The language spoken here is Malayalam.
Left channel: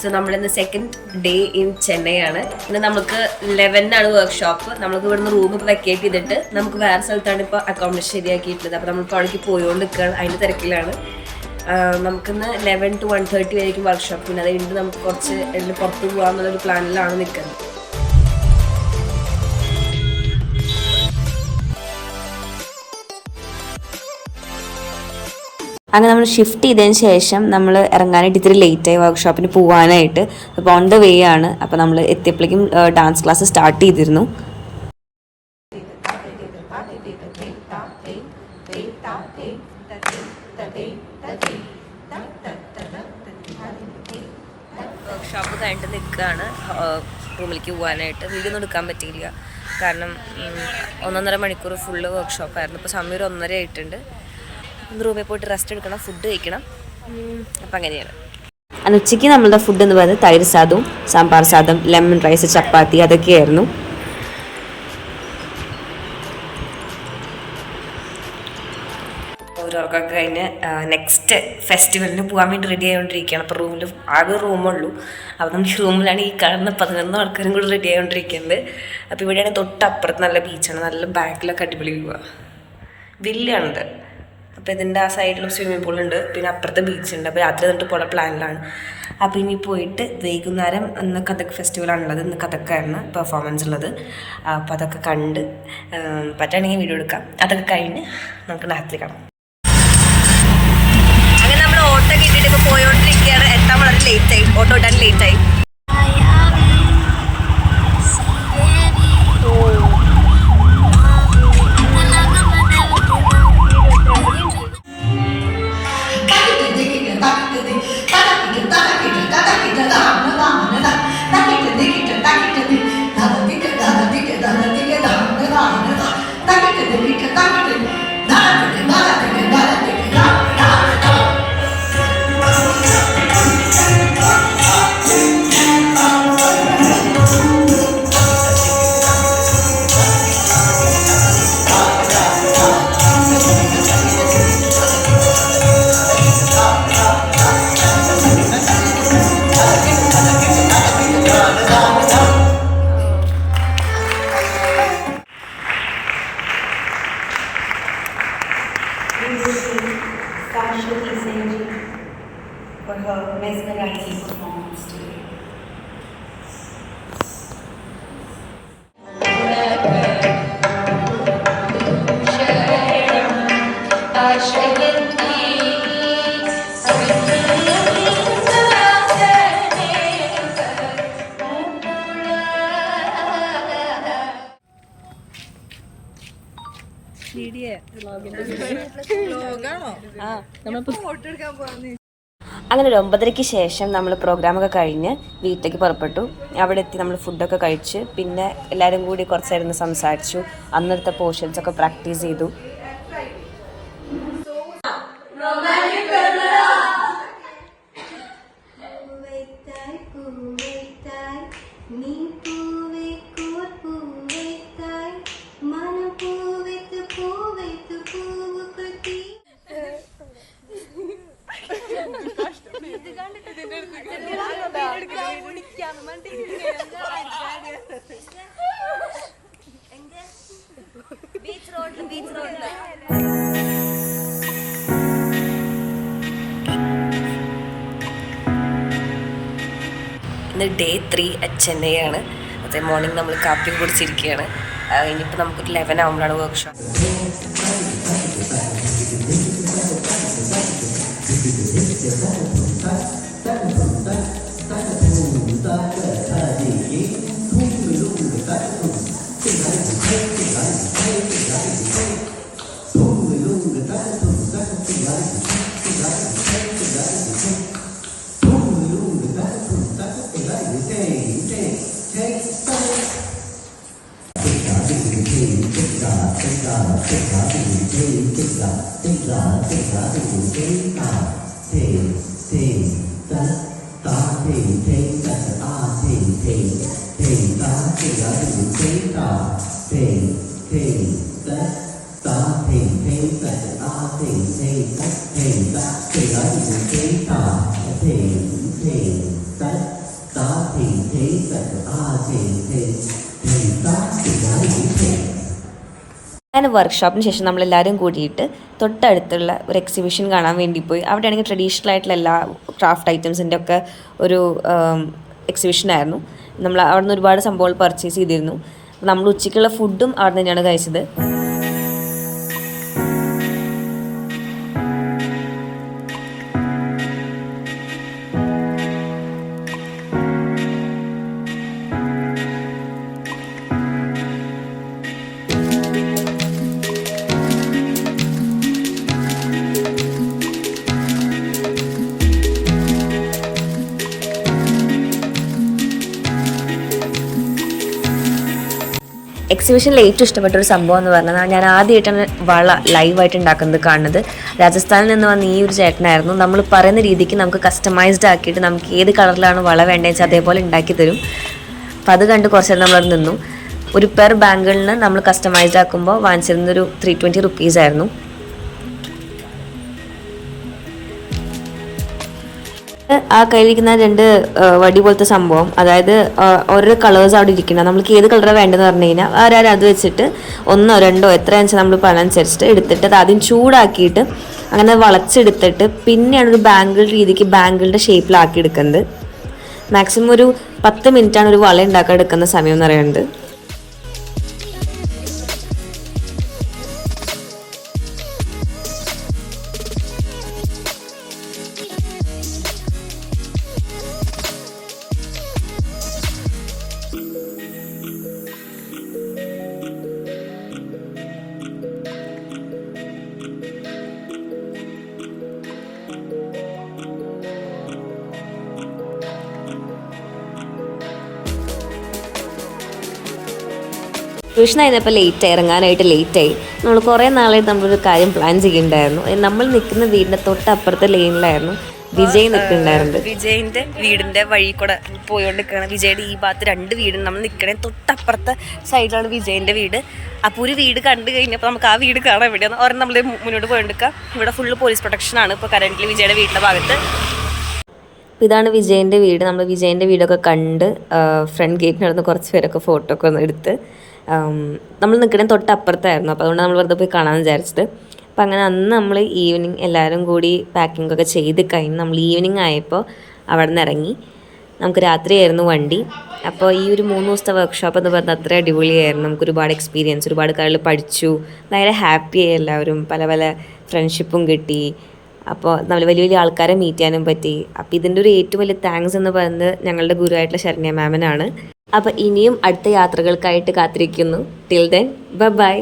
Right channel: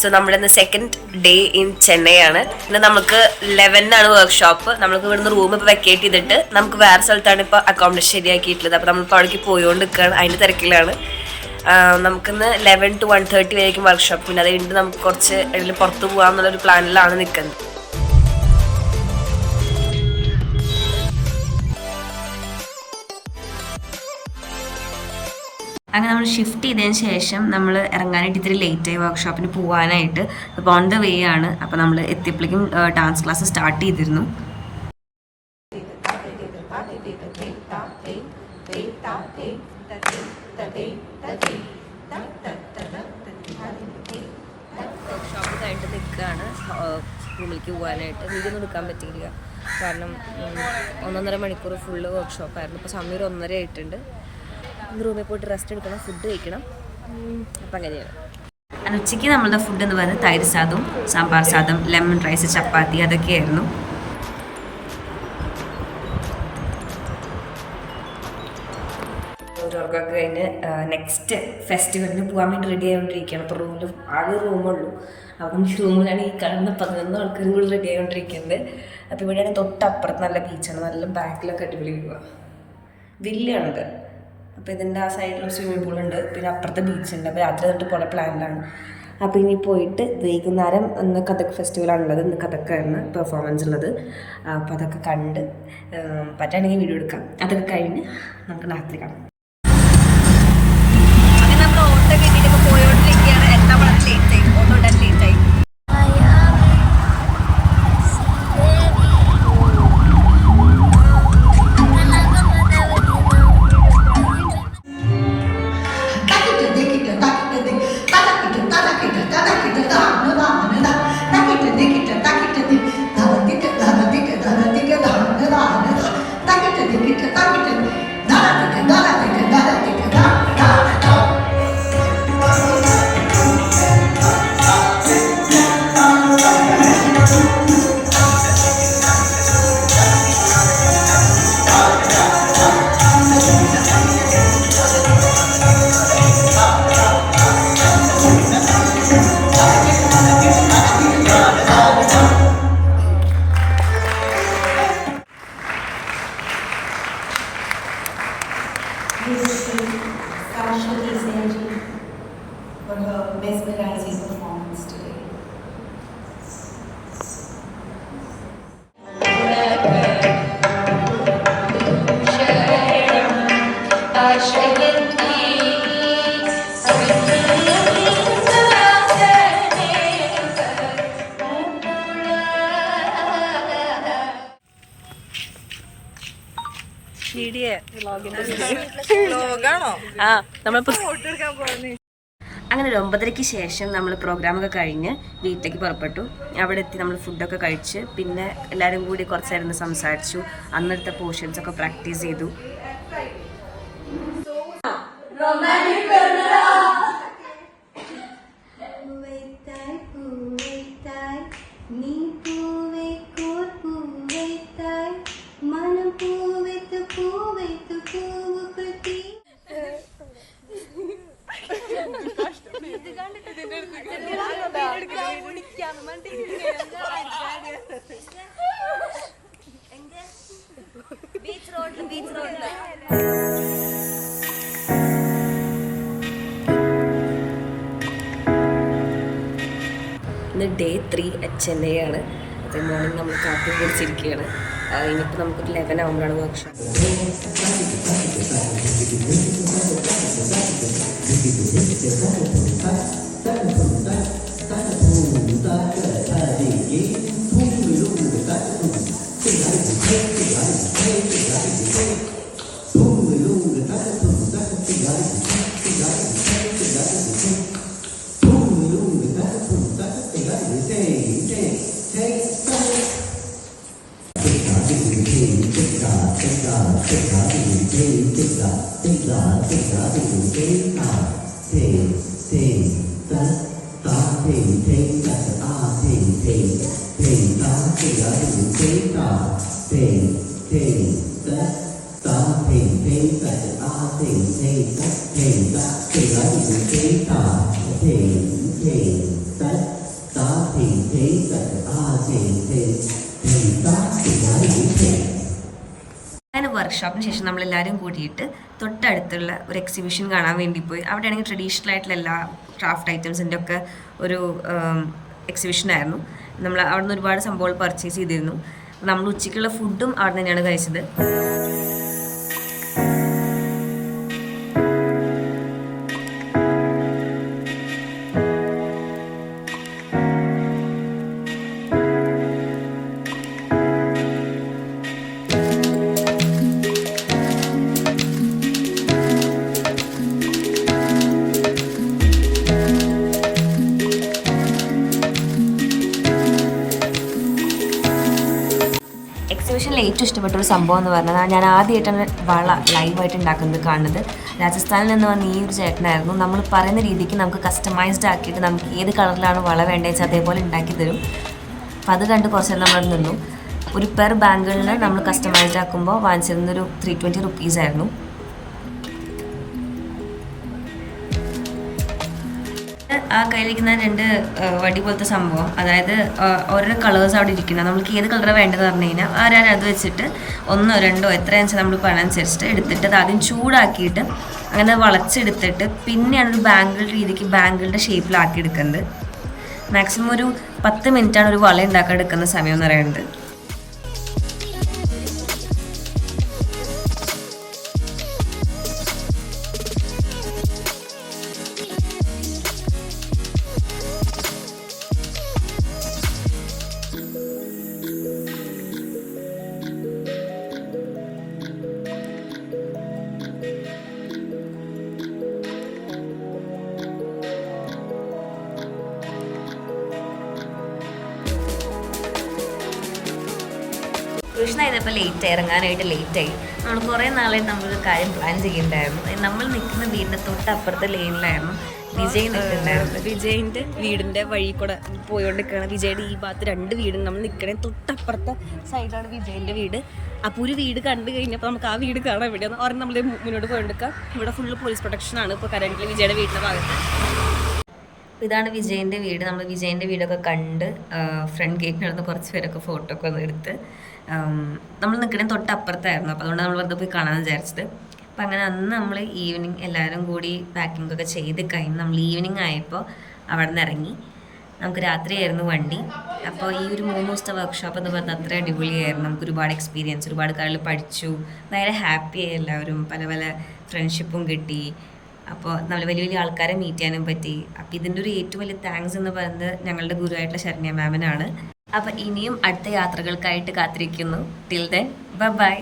സോ നമ്മുടെ ഇന്ന് സെക്കൻഡ് ഡേ ഇൻ ചെന്നൈ ആണ്. ഇന്ന് നമുക്ക് 11 വർക്ക്ഷോപ്പ്. നമുക്ക് ഇവിടുന്ന് റൂം ഇപ്പോൾ വെക്കേറ്റ് ചെയ്തിട്ട് നമുക്ക് വേറെ സ്ഥലത്താണ് ഇപ്പോൾ അക്കോമഡേഷൻ ശരിയാക്കിയിട്ടുള്ളത്. അപ്പോൾ നമ്മളിപ്പോൾ അവിടേക്ക് പോയിക്കൊണ്ട് നിൽക്കുകയാണ്, അതിൻ്റെ തിരക്കിലാണ്. നമുക്കിന്ന് 11 to 1:30 വരെയും വർക്ക്ഷോപ്പ്. പിന്നെ അത് കഴിഞ്ഞിട്ട് നമുക്ക് കുറച്ച് പുറത്ത് പോകാമെന്നുള്ളൊരു പ്ലാനിലാണ് നിൽക്കുന്നത്. അങ്ങനെ നമ്മൾ ഷിഫ്റ്റ് ചെയ്തതിന് ശേഷം നമ്മൾ ഇറങ്ങാനായിട്ട് ഇത്തിരി ലേറ്റായി വർക്ക്ഷോപ്പിന് പോകാനായിട്ട്. അപ്പോൾ ഓൺ ദ വേ ആണ്. അപ്പോൾ നമ്മൾ എത്തിയപ്പോഴേക്കും ഡാൻസ് ക്ലാസ് സ്റ്റാർട്ട് ചെയ്തിരുന്നു. വർക്ക്ഷോപ്പ് കഴിഞ്ഞിട്ട് നിൽക്കുകയാണ് റൂമിലേക്ക് പോകാനായിട്ട്. വീഡിയോ ഒന്നും എടുക്കാൻ പറ്റിയില്ല, കാരണം 1.5 മണിക്കൂർ ഫുള്ള് വർക്ക്ഷോപ്പായിരുന്നു. ഇപ്പോൾ സമയം ഒരു 1:30 ആയിട്ടുണ്ട്. റൂമിൽ പോയിട്ട് റെസ്റ്റ് എടുക്കണം, ഫുഡ് കഴിക്കണം. അപ്പം അങ്ങനെയാണ്. അന്ന് ഉച്ചയ്ക്ക് നമ്മളുടെ ഫുഡ് എന്ന് പറയുന്നത് തൈര് സാദവും സാമ്പാർ സാദം, ലെമൺ റൈസ്, ചപ്പാത്തി അതൊക്കെയായിരുന്നു. ഓരോർക്കൊക്കെ കഴിഞ്ഞ് നെക്സ്റ്റ് ഫെസ്റ്റിവലിന് പോകാൻ വേണ്ടി റെഡി ആയിക്കൊണ്ടിരിക്കുകയാണ്. അപ്പോൾ റൂമിൽ ആകെ റൂമുള്ളൂ. അപ്പോൾ നമുക്ക് റൂമിലാണ് ഈ കാണുന്ന 11 ആൾക്കാരും കൂടി റെഡി ആയിക്കൊണ്ടിരിക്കുന്നത്. അപ്പോൾ ഇവിടെയാണ് തൊട്ടപ്പുറത്ത് നല്ല ബീച്ചാണ്, നല്ല ബാക്കിലൊക്കെ അടിപൊളി വ്യൂ ആണ്, വില്ലാണിത്. അപ്പോൾ ഇതിൻ്റെ ആ സൈഡിലും സ്വിമ്മിംഗ് പൂളുണ്ട്, പിന്നെ അപ്പുറത്തെ ബീച്ചുണ്ട്. അപ്പോൾ രാത്രി എന്നിട്ട് പോലെ പ്ലാനിലാണ്. അപ്പോൾ ഇനി പോയിട്ട് വൈകുന്നേരം ഇന്ന് കഥക് ഫെസ്റ്റിവലാണുള്ളത്. ഇന്ന് കഥക്കായിരുന്നു പെർഫോമൻസ് ഉള്ളത്. അപ്പോൾ അതൊക്കെ കണ്ട് പറ്റുകയാണെങ്കിൽ വീഡിയോ എടുക്കാം. അതൊക്കെ കഴിഞ്ഞ് നമുക്ക് രാത്രി കാണാം. അങ്ങനെ നമ്മൾ ഓട്ടോ കിട്ടിയിട്ട് ഇപ്പോൾ പോയോണ്ടിരിക്കുകയാണ്. എത്താൻ വളരെ ലേറ്റായി, ഓട്ടോ ഇട്ടാൻ ലേറ്റായി. For her mesmerizing performance today. അങ്ങനെ ഒരു 9:30 ശേഷം നമ്മൾ പ്രോഗ്രാമൊക്കെ കഴിഞ്ഞ് വീട്ടിലേക്ക് പുറപ്പെട്ടു. അവിടെ എത്തി നമ്മൾ ഫുഡൊക്കെ കഴിച്ച് പിന്നെ എല്ലാവരും കൂടി കുറച്ചായിരുന്നു സംസാരിച്ചു. അന്നത്തെ പോർഷൻസൊക്കെ പ്രാക്ടീസ് ചെയ്തു. ഇന്ന് ഡേ 3 അറ്റ് ചെന്നൈ ആണ്. അതേ മോർണിംഗ് നമ്മൾ കാപ്പി കുടിച്ചിരിക്കുകയാണ്. ഇനിയിപ്പോൾ നമുക്കൊരു 11 ആകുമ്പോഴാണ് വർക്ക്ഷോപ്പ്. Thì അങ്ങനെ വർക്ക്ഷോപ്പിന് ശേഷം നമ്മളെല്ലാവരും കൂടിയിട്ട് തൊട്ടടുത്തുള്ള ഒരു എക്സിബിഷൻ കാണാൻ വേണ്ടി പോയി. അവിടെയാണെങ്കിൽ ട്രഡീഷണൽ ആയിട്ടുള്ള എല്ലാ ക്രാഫ്റ്റ് ഐറ്റംസിൻ്റെ ഒക്കെ ഒരു എക്സിബിഷനായിരുന്നു. നമ്മൾ അവിടെ നിന്ന് ഒരുപാട് സംഭവങ്ങൾ പർച്ചേസ് ചെയ്തിരുന്നു. നമ്മൾ ഉച്ചയ്ക്കുള്ള ഫുഡും അവിടെ തന്നെയാണ് കഴിച്ചത്. എക്സിബിഷനിൽ ഏറ്റവും ഇഷ്ടപ്പെട്ടൊരു സംഭവം എന്ന് പറഞ്ഞാൽ ഞാൻ ആദ്യമായിട്ടാണ് വള ലൈവായിട്ട് ഉണ്ടാക്കുന്നത് കാണുന്നത്. രാജസ്ഥാനിൽ നിന്ന് വന്ന ഈ ഒരു ചേട്ടനായിരുന്നു. നമ്മൾ പറയുന്ന രീതിക്ക് നമുക്ക് കസ്റ്റമൈസ്ഡ് ആക്കിയിട്ട് നമുക്ക് ഏത് കളറിലാണ് വള വേണ്ടതെന്ന് വെച്ചാൽ അതേപോലെ ഉണ്ടാക്കി തരും. അപ്പോൾ അത് കണ്ട് കുറച്ച് നേരം നമ്മളത് നിന്നു. ഒരു പെർ ബാങ്കിളിന് നമ്മൾ കസ്റ്റമൈസ്ഡ് ആക്കുമ്പോൾ വാങ്ങിച്ചിരുന്നൊരു 320 റുപ്പീസായിരുന്നു. ആ കയ്യിലിരിക്കുന്ന 2 വടി പോലത്തെ സംഭവം, അതായത് ഓരോ കളേഴ്സ് അവിടെ ഇരിക്കുന്നത്. നമ്മൾക്ക് ഏത് കളറാണ് വേണ്ടതെന്ന് പറഞ്ഞു കഴിഞ്ഞാൽ ആരാരും അത് വെച്ചിട്ട് 1 2 എത്രയാണെന്ന് വെച്ചാൽ നമ്മൾ പണനുസരിച്ചിട്ട് എടുത്തിട്ട് അത് ആദ്യം ചൂടാക്കിയിട്ട് അങ്ങനെ വളച്ചെടുത്തിട്ട് പിന്നെയാണ് ഒരു ബാങ്കിൾ രീതിക്ക് ബാങ്കിളിൻ്റെ ഷേപ്പിലാക്കി എടുക്കുന്നത്. മാക്സിമം ഒരു 10 മിനിറ്റാണ് ഒരു വള ഉണ്ടാക്കാൻ എടുക്കുന്ന സമയം എന്ന് പറയുന്നത്. ട്യൂഷൻ കഴിഞ്ഞപ്പോൾ ലേറ്റായി, ഇറങ്ങാനായിട്ട് ലേറ്റായി. നമ്മൾ കുറേ നാളായിട്ട് നമ്മളൊരു കാര്യം പ്ലാൻ ചെയ്യുന്നുണ്ടായിരുന്നു. നമ്മൾ നിൽക്കുന്ന വീടിൻ്റെ തൊട്ടപ്പുറത്തെ ലൈനിലായിരുന്നു വിജയ് നിൽക്കുന്നുണ്ടായിരുന്നു. വിജയിൻ്റെ വീടിൻ്റെ വഴി കൂടെ പോയിക്കൊണ്ടിരിക്കുകയാണ്. വിജയുടെ ഈ ഭാഗത്ത് 2 വീടും നമ്മൾ നിൽക്കണേ തൊട്ടപ്പുറത്തെ സൈഡിലാണ് വിജയിൻ്റെ വീട്. അപ്പോൾ ഒരു വീട് കണ്ടു കഴിഞ്ഞപ്പോൾ നമുക്ക് ആ വീട് കാണാൻ വേണ്ടിയാണ് ഒരെണ്ണം നമ്മൾ മുന്നോട്ട് പോയിക്കൊണ്ടിരിക്കുക. ഇവിടെ ഫുള്ള് പോലീസ് പ്രൊട്ടക്ഷനാണ് ഇപ്പോൾ കറൻ്റ് വിജയുടെ വീടിൻ്റെ ഭാഗത്ത്. ഇതാണ് വിജയിൻ്റെ വീട്. നമ്മൾ വിജയിൻ്റെ വീടൊക്കെ കണ്ട് ഫ്രണ്ട് ഗേറ്റിന് നടന്ന് കുറച്ച് പേരൊക്കെ ഫോട്ടോ ഒക്കെ ഒന്ന് എടുത്ത് നമ്മൾ നിൽക്കണേ തൊട്ടപ്പുറത്തായിരുന്നു. അപ്പോൾ അതുകൊണ്ട് നമ്മൾ വെറുതെ പോയി കാണാമെന്ന് വിചാരിച്ചത്. അപ്പോൾ അങ്ങനെ അന്ന് നമ്മൾ ഈവനിങ് എല്ലാവരും കൂടി പാക്കിംഗ് ഒക്കെ ചെയ്ത് കഴിഞ്ഞ് നമ്മൾ ഈവനിങ് ആയപ്പോൾ അവിടെ നിന്ന് ഇറങ്ങി. നമുക്ക് രാത്രിയായിരുന്നു വണ്ടി. അപ്പോൾ ഈ ഒരു 3 ദിവസത്തെ വർക്ക്ഷോപ്പ് എന്ന് പറഞ്ഞാൽ അത്ര അടിപൊളിയായിരുന്നു. നമുക്ക് ഒരുപാട് എക്സ്പീരിയൻസ്, ഒരുപാട് കാര്യങ്ങൾ പഠിച്ചു. ഭയങ്കര ഹാപ്പിയായി എല്ലാവരും. പല പല ഫ്രണ്ട്ഷിപ്പും കിട്ടി. അപ്പോൾ നമ്മൾ വലിയ വലിയ ആൾക്കാരെ മീറ്റ് ചെയ്യാനും പറ്റി. അപ്പോൾ ഇതിൻ്റെ ഒരു ഏറ്റവും വലിയ താങ്ക്സ് എന്ന് പറയുന്നത് ഞങ്ങളുടെ ഗുരുവായിട്ടുള്ള ശരണ്യ മാമിനാണ്. അപ്പോൾ ഇനിയും അടുത്ത യാത്രകൾക്കായിട്ട് കാത്തിരിക്കുന്നു. Till then bye.